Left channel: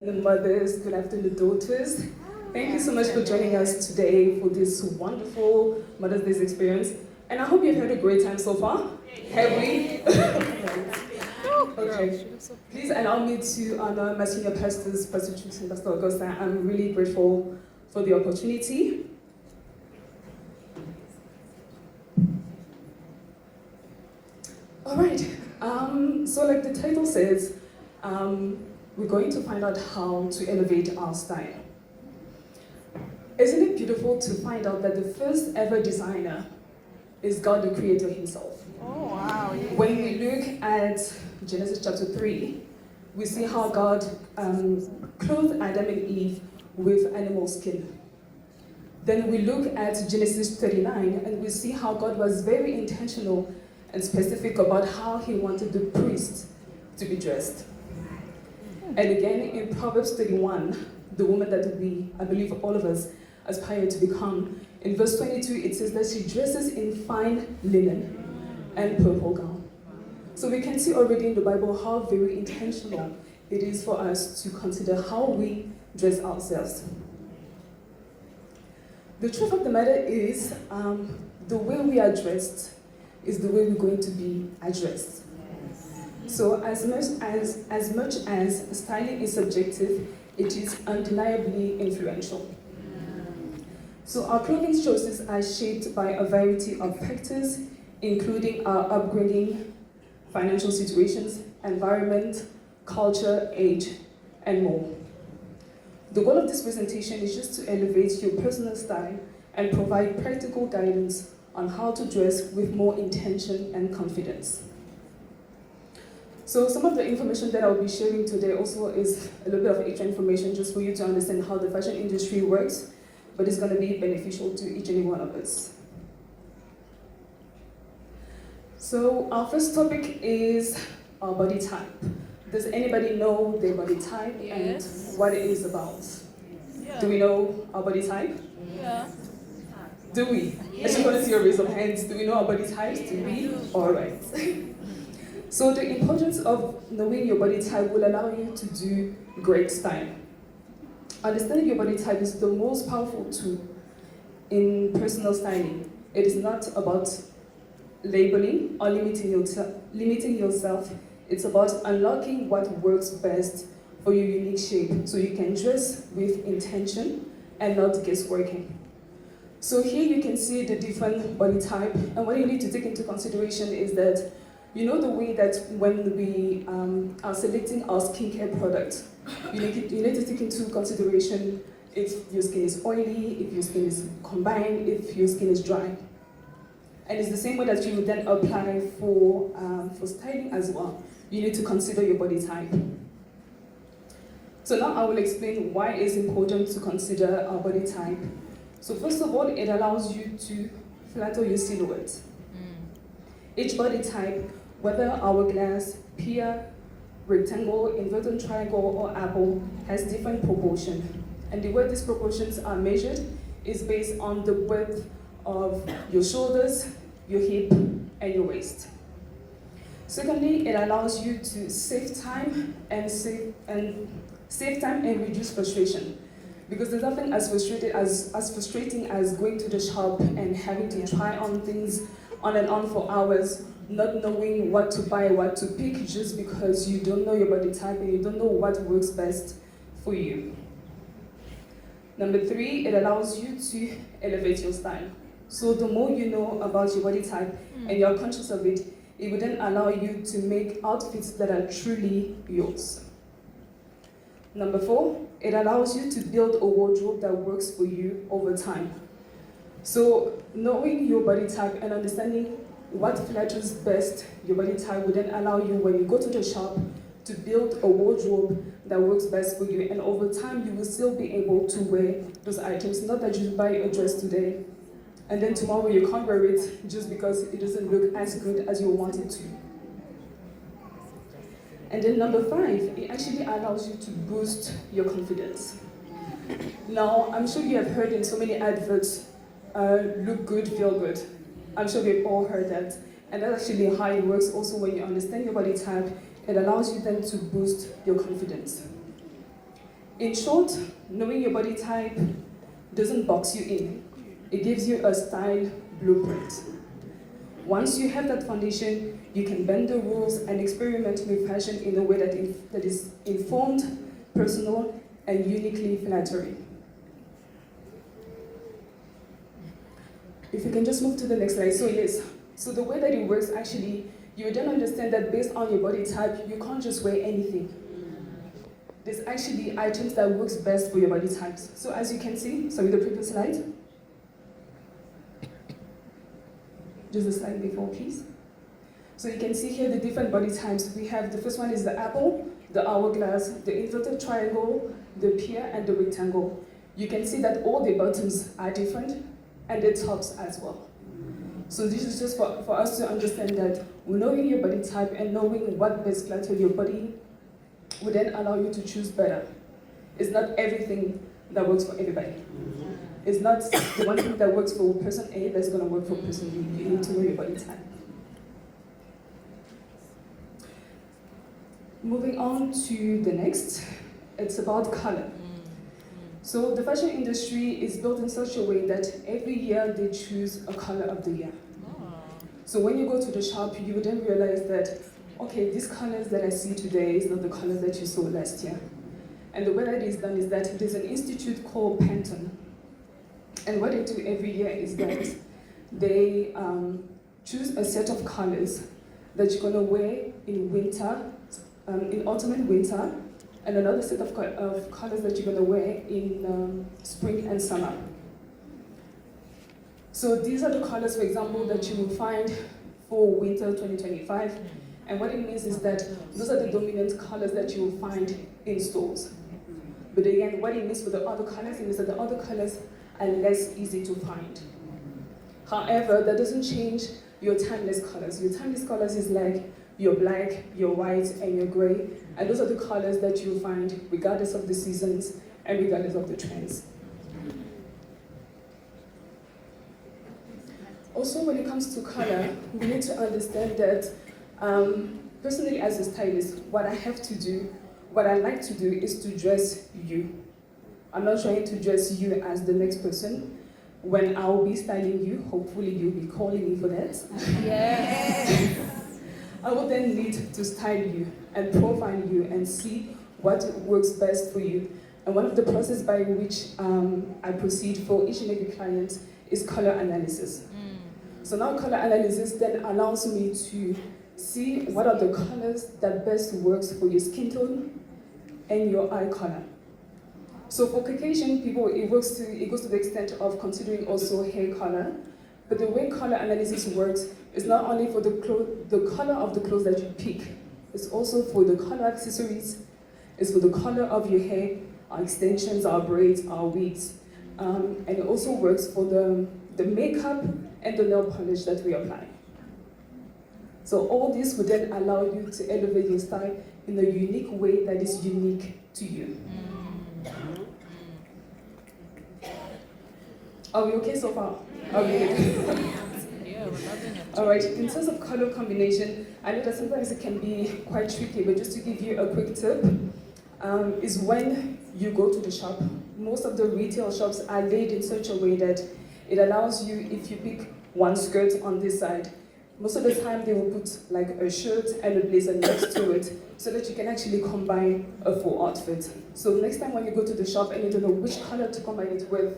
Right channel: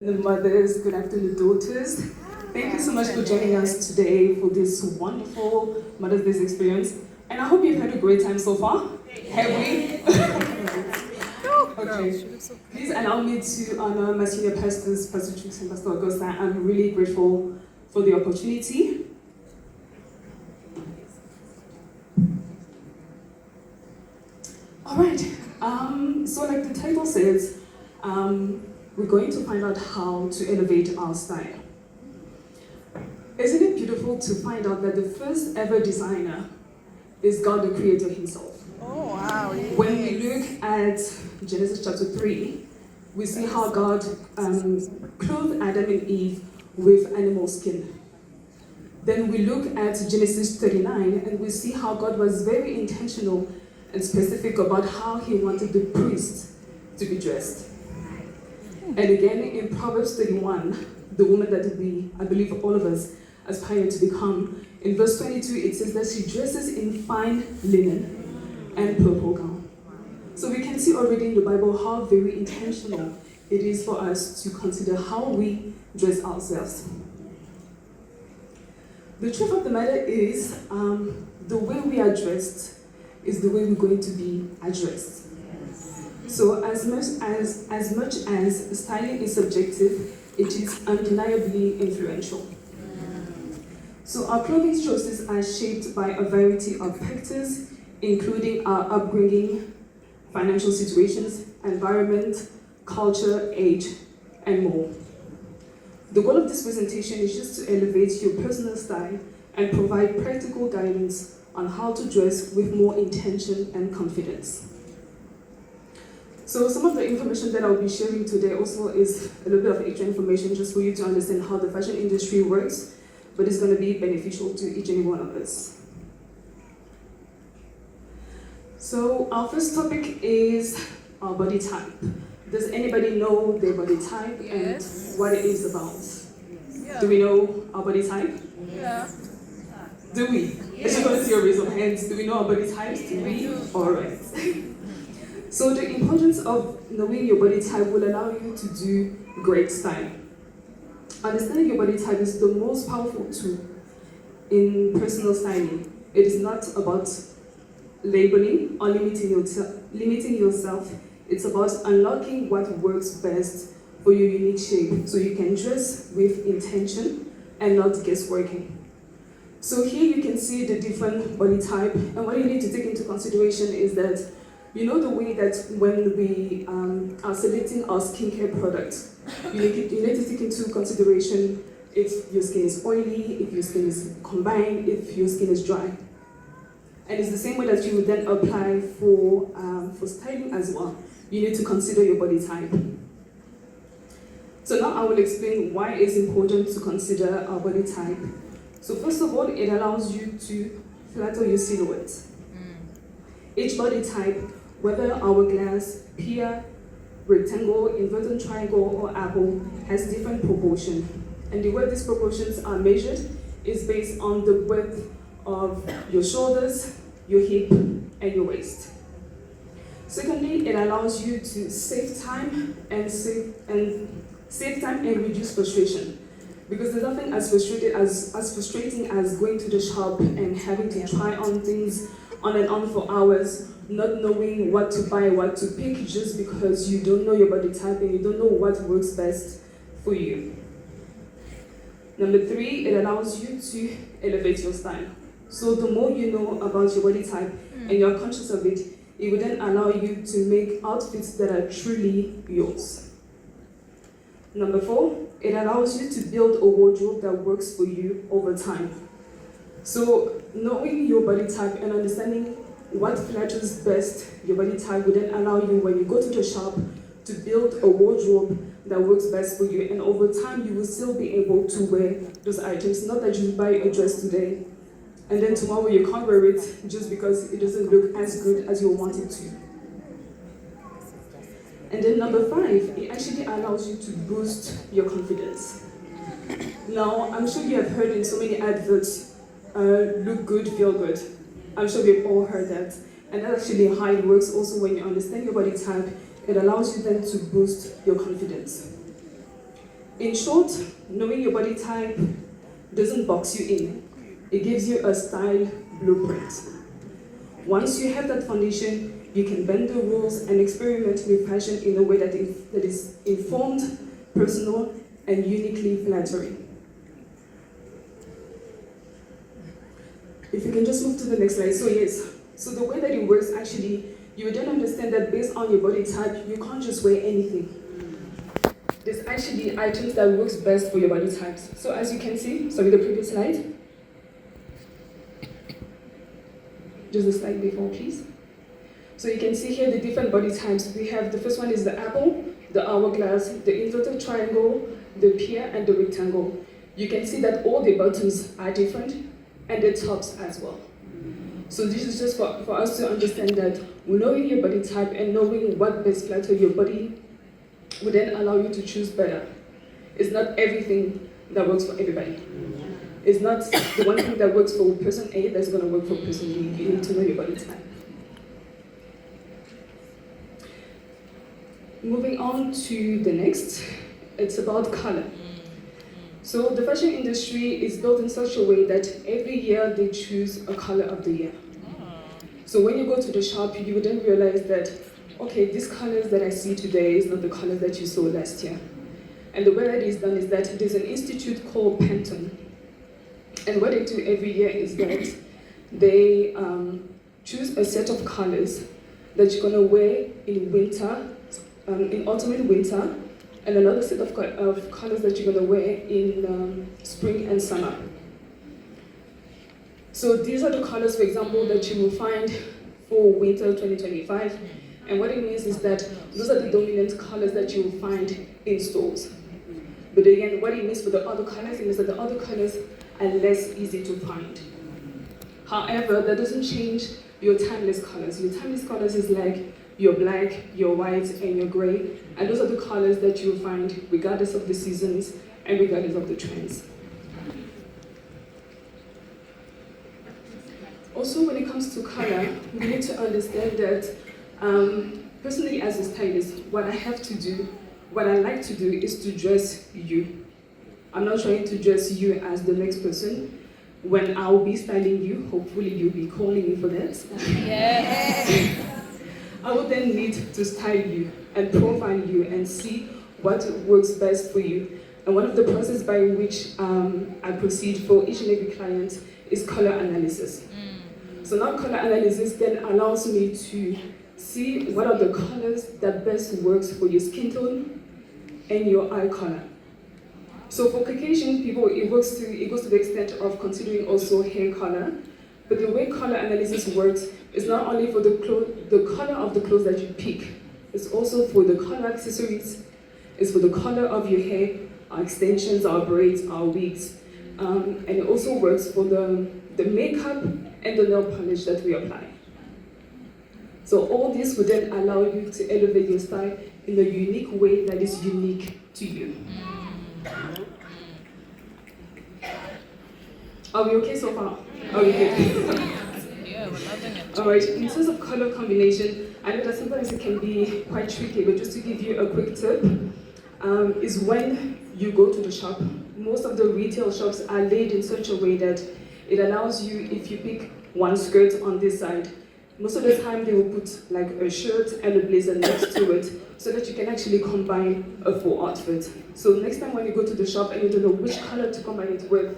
The mothers, good afternoon, daughters. Thank you so much for joining us today for this wonderful Mother's Day experience. And I hope you've had a great time so far. Have we? Okay. Please allow me to honor my senior pastors, Pastor Trix and Pastor Augusta. I'm really grateful for the opportunity. All right. So like the title says, we're going to find out how to elevate our style. Isn't it beautiful to find out that the first ever designer is God the Creator himself? Oh, wow. Yes. When we look at Genesis chapter 3, we see how God clothed Adam and Eve with animal skin. Then we look at Genesis 39 and we see how God was very intentional and specific about how he wanted the priest to be dressed. And again, in Proverbs 31, the woman that I believe all of us aspire to become, in verse 22, it says that she dresses in fine linen and purple gown. So we can see already in the Bible how very intentional it is for us to consider how we dress ourselves. The truth of the matter is, the way we are dressed is the way we're going to be addressed. So as much as styling is subjective, it is undeniably influential. So our clothing choices are shaped by a variety of factors, including our upbringing, financial situations, environment, culture, age, and more. The goal of this presentation is just to elevate your personal style and provide practical guidance on how to dress with more intention and confidence. So some of the information that I'll be sharing today also is a little bit of extra information just for you to understand how the fashion industry works, but it's going to be beneficial to each and every one of us. So our first topic is our body type. Does anybody know their body type and what it is about? Yeah. Do we know our body type? Yeah. Do we? Yes. I just want to see a raise of hands. Do we know our body types? Do we? All right. So the importance of knowing your body type will allow you to do great styling. Understanding your body type is the most powerful tool in personal styling. It is not about labeling or limiting yourself. It's about unlocking what works best for your unique shape so you can dress with intention and not guessworking. So here you can see the different body type, and what you need to take into consideration is that you know the way that when we are selecting our skincare products, you need to take into consideration if your skin is oily, if your skin is combined, if your skin is dry. And it's the same way that you would then apply for styling as well. You need to consider your body type. So now I will explain why it's important to consider our body type. So first of all, it allows you to flatter your silhouette. Each body type, whether hourglass, pear, rectangle, inverted triangle, or apple, has different proportions. And the way these proportions are measured is based on the width of your shoulders, your hip, and your waist. Secondly, it allows you to save time and reduce frustration. Because there's nothing as frustrating as going to the shop and having to try on things on and on for hours, not knowing what to buy, what to pick, just because you don't know your body type and you don't know what works best for you. Number 3, it allows you to elevate your style. So the more you know about your body type and you're conscious of it, it will then allow you to make outfits that are truly yours. Number 4, it allows you to build a wardrobe that works for you over time. So knowing your body type and understanding what flatters best your body type will then allow you, when you go to the shop, to build a wardrobe that works best for you. And over time, you will still be able to wear those items. Not that you buy a dress today, and then tomorrow you can't wear it just because it doesn't look as good as you want it to. And then number 5, it actually allows you to boost your confidence. Now, I'm sure you have heard in so many adverts, look good, feel good. I'm sure we've all heard that. And that's actually how it works also when you understand your body type. It allows you then to boost your confidence. In short, knowing your body type doesn't box you in. It gives you a style blueprint. Once you have that foundation, you can bend the rules and experiment with fashion in a way that is informed, personal, and uniquely flattering. If you can just move to the next slide. So the way that it works, actually, you don't understand that based on your body type, you can't just wear anything. There's actually items that works best for your body types. So as you can see, the previous slide. Just the slide before, please. So you can see here the different body types. We have, the first one is the apple, the hourglass, the inverted triangle, the pear, and the rectangle. You can see that all the bottoms are different, and the tops as well. So this is just for us to understand that knowing your body type and knowing what best flatters your body would then allow you to choose better. It's not everything that works for everybody. It's not the one thing that works for person A that's going to work for person B. You need to know your body type. Moving on to the next, it's about color. So the fashion industry is built in such a way that every year they choose a color of the year. So when you go to the shop, you would then realize that, okay, these colors that I see today is not the colors that you saw last year. And the way that is done is that there's an institute called Pantone. And what they do every year is that they choose a set of colors that you're gonna wear in winter, in autumn and winter, and another set of colors that you're gonna wear in spring and summer. So these are the colors, for example, that you will find for winter 2025. And what it means is that those are the dominant colors that you will find in stores. But again, what it means for the other colors is that the other colors are less easy to find. However, that doesn't change your timeless colors. Your timeless colors is like your black, your white, and your gray. And those are the colors that you'll find regardless of the seasons and regardless of the trends. Also, when it comes to color, we need to understand that personally as a stylist, what I have to do, what I like to do is to dress you. I'm not trying to dress you as the next person. When I'll be styling you, hopefully you'll be calling me for that. Yes. I will then need to style you and profile you and see what works best for you. And one of the processes by which I proceed for each and every client is color analysis. So now color analysis then allows me to see what are the colors that best works for your skin tone and your eye color. So for Caucasian people, it goes to the extent of considering also hair color. But the way color analysis works is not only for the color of the clothes that you pick, it's also for the color accessories, it's for the color of your hair, our extensions, our braids, our wigs. And it also works for the makeup and the nail polish that we apply. So all this would then allow you to elevate your style in a unique way that is unique to you. Are we okay so far? Are we good? Yeah, we're loving it. Alright, in terms of color combination, I know that sometimes it can be quite tricky, but just to give you a quick tip, is when you go to the shop, most of the retail shops are laid in such a way that it allows you, if you pick one skirt on this side, most of the time they will put like a shirt and a blazer next to it so that you can actually combine a full outfit. So next time when you go to the shop and you don't know which color to combine it with,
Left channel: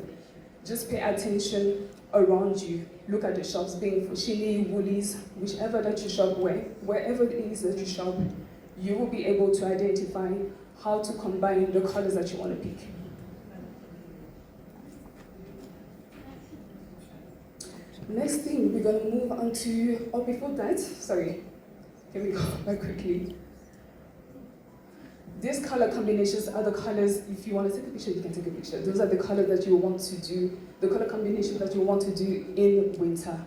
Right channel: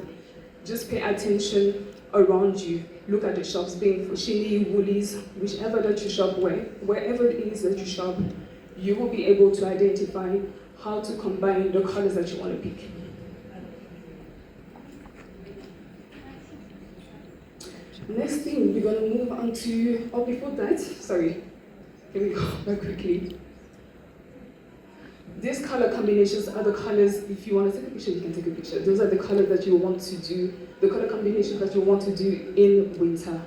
just pay attention around you. Look at the shops, being for Shini, Woolies, whichever that you shop wherever it is that you shop, you will be able to identify how to combine the colors that you want to pick. Next thing, we're going to move on to, oh, before that, sorry, here we go, very quickly. These color combinations are the colors, if you want to take a picture, you can take a picture. Those are the colors that you want to do, the color combinations that you want to do in winter.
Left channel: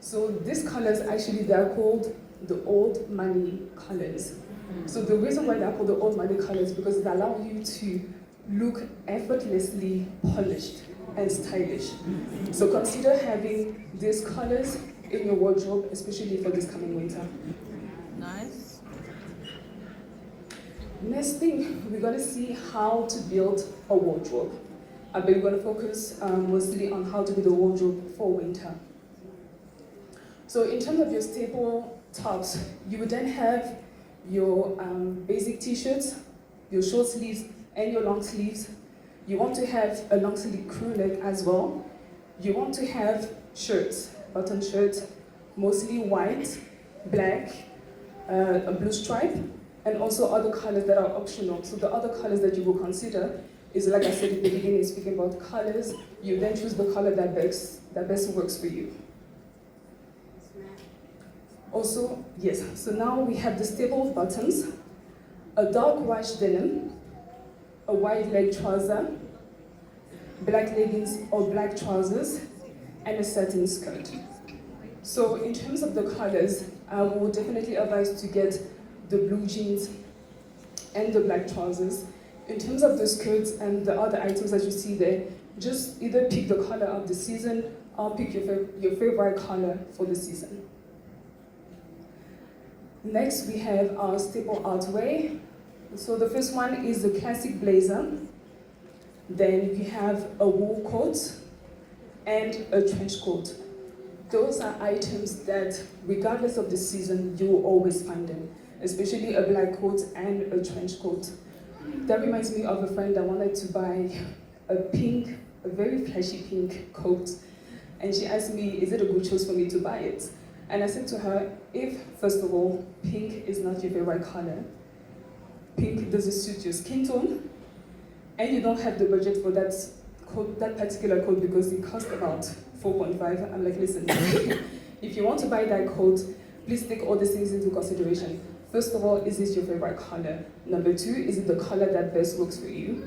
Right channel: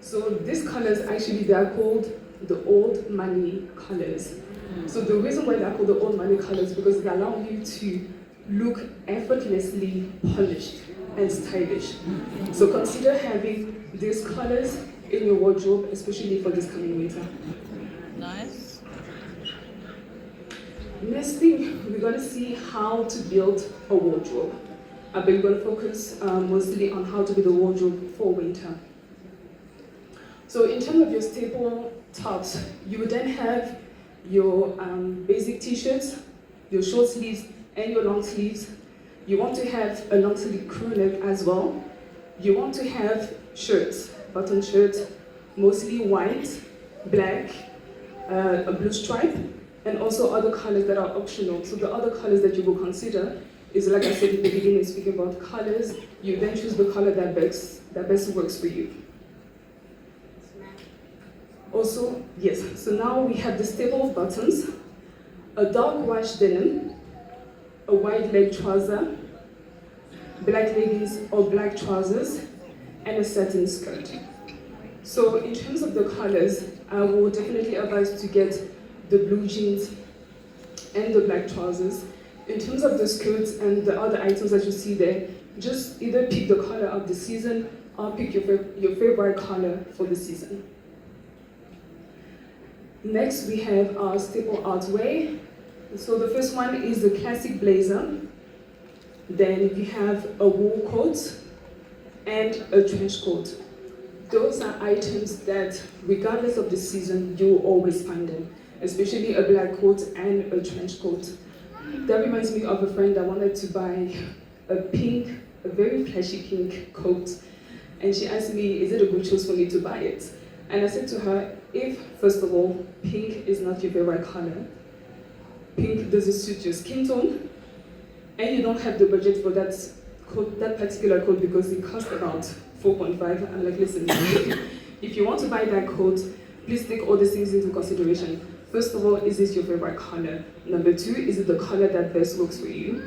So these colors, actually, they are called the old money colors. So the reason why they're called the old money colors is because they allow you to look effortlessly polished and stylish. So consider having these colors in your wardrobe, especially for this coming winter. Nice. Next thing, we're going to see how to build a wardrobe. But we're going to focus mostly on how to build a wardrobe for winter. So in terms of your staple tops, you would then have your basic t-shirts, your short sleeves, and your long sleeves. You want to have a long sleeve crew neck as well. You want to have shirts, button shirts, mostly white, black, a blue stripe, and also other colors that are optional. So the other colors that you will consider is, like I said in the beginning, speaking about colors, you then choose the color that best works for you. Also, yes, so now we have the staple buttons, a dark wash denim, a wide leg trouser, black leggings or black trousers, and a satin skirt. So in terms of the colors, I will definitely advise to get the blue jeans and the black trousers. In terms of the skirts and the other items that you see there, just either pick the color of the season or pick your favorite color for the season. Next, we have our staple outerwear. So the first one is the classic blazer. Then you have a wool coat and a trench coat. Those are items that, regardless of the season, you will always find them, especially a black coat and a trench coat. That reminds me of a friend that wanted to buy a very flashy pink coat. And she asked me, is it a good choice for me to buy it? And I said to her, if, first of all, pink is not your favorite color, pink doesn't suit your skin tone, and you don't have the budget for that coat, that particular coat, because it costs about 4.5. I'm like, listen, if you want to buy that coat, please take all these things into consideration. First of all, is this your favorite color? Number two, is it the color that best works for you?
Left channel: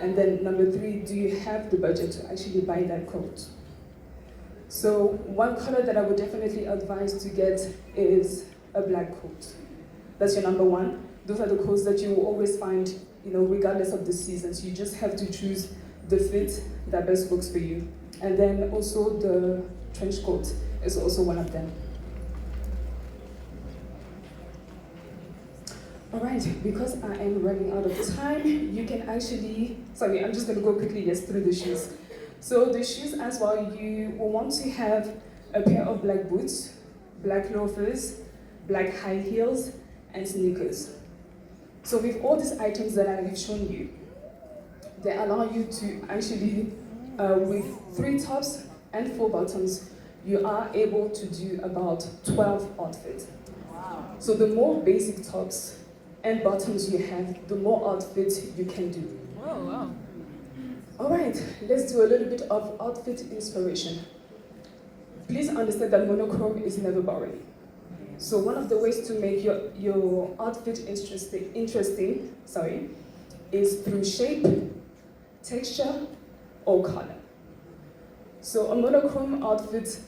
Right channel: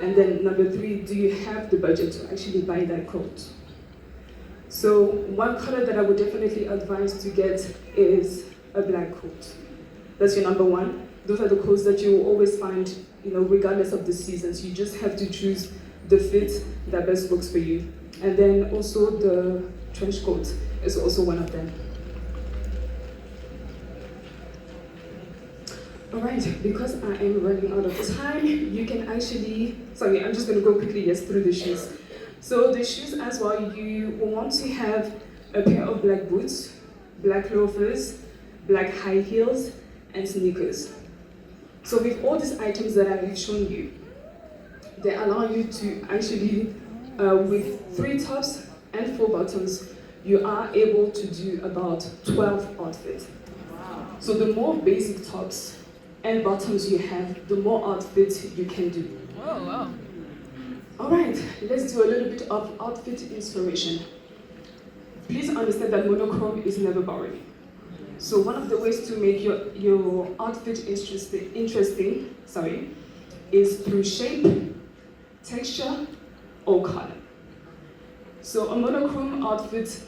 And then number three, do you have the budget to actually buy that coat? So one color that I would definitely advise to get is a black coat. That's your number one. Those are the coats that you will always find, regardless of the seasons. You just have to choose the fit that best works for you. And then also the trench coat is also one of them. All right, because I am running out of time, you can actually, I'm just gonna go quickly, through the shoes. So the shoes as well, you will want to have a pair of black boots, black loafers, black high heels, and sneakers. So with all these items that I have shown you, they allow you to actually, with 3 tops and 4 bottoms, you are able to do about 12 outfits. Wow. So the more basic tops and bottoms you have, the more outfits you can do. Oh, wow. All right, let's do a little bit of outfit inspiration. Please understand that monochrome is never boring. So one of the ways to make your outfit interesting, is through shape, texture, or color. So a monochrome outfit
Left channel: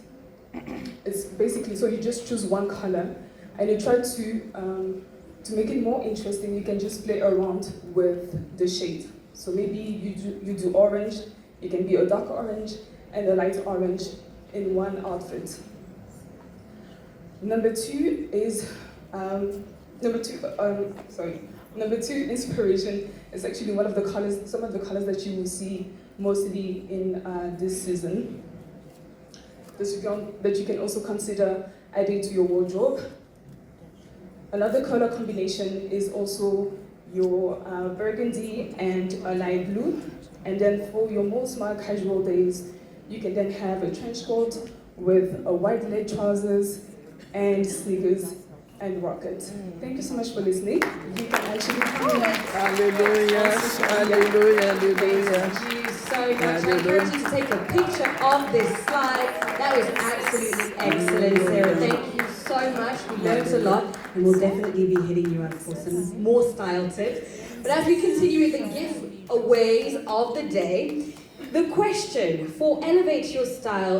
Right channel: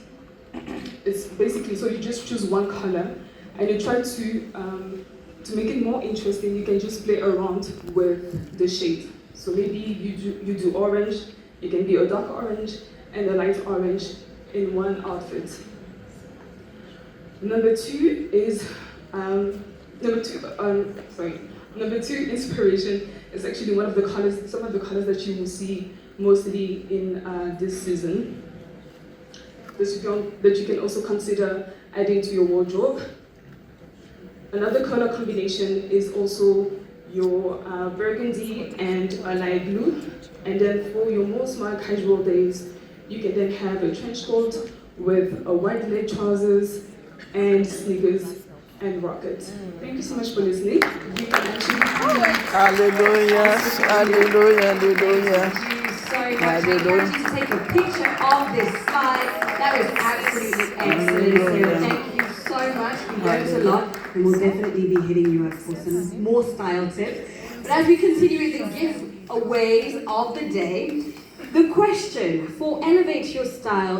is basically, so you just choose one color and you try to make it more interesting. You can just play around with the shade. So maybe you do orange, you can be a dark orange and a light orange in one outfit. Number two inspiration is actually one of the colors, some of the colors that you will see mostly in this season, that you can also consider adding to your wardrobe. Another color combination is also your burgundy and a light blue. And then for your more smart casual days, you can then have a trench coat with a white leg trousers and sneakers and rockets. Thank you so much for listening. You can actually... Hallelujah, hallelujah, hallelujah. So much. I encourage you to take a picture of this slide. That was absolutely excellent, Sarah. Thank you so much. We learned a lot, and we'll definitely be hitting you up for some more style tips. But as we continue with the giveaways of the day, the question for Elevate Your Style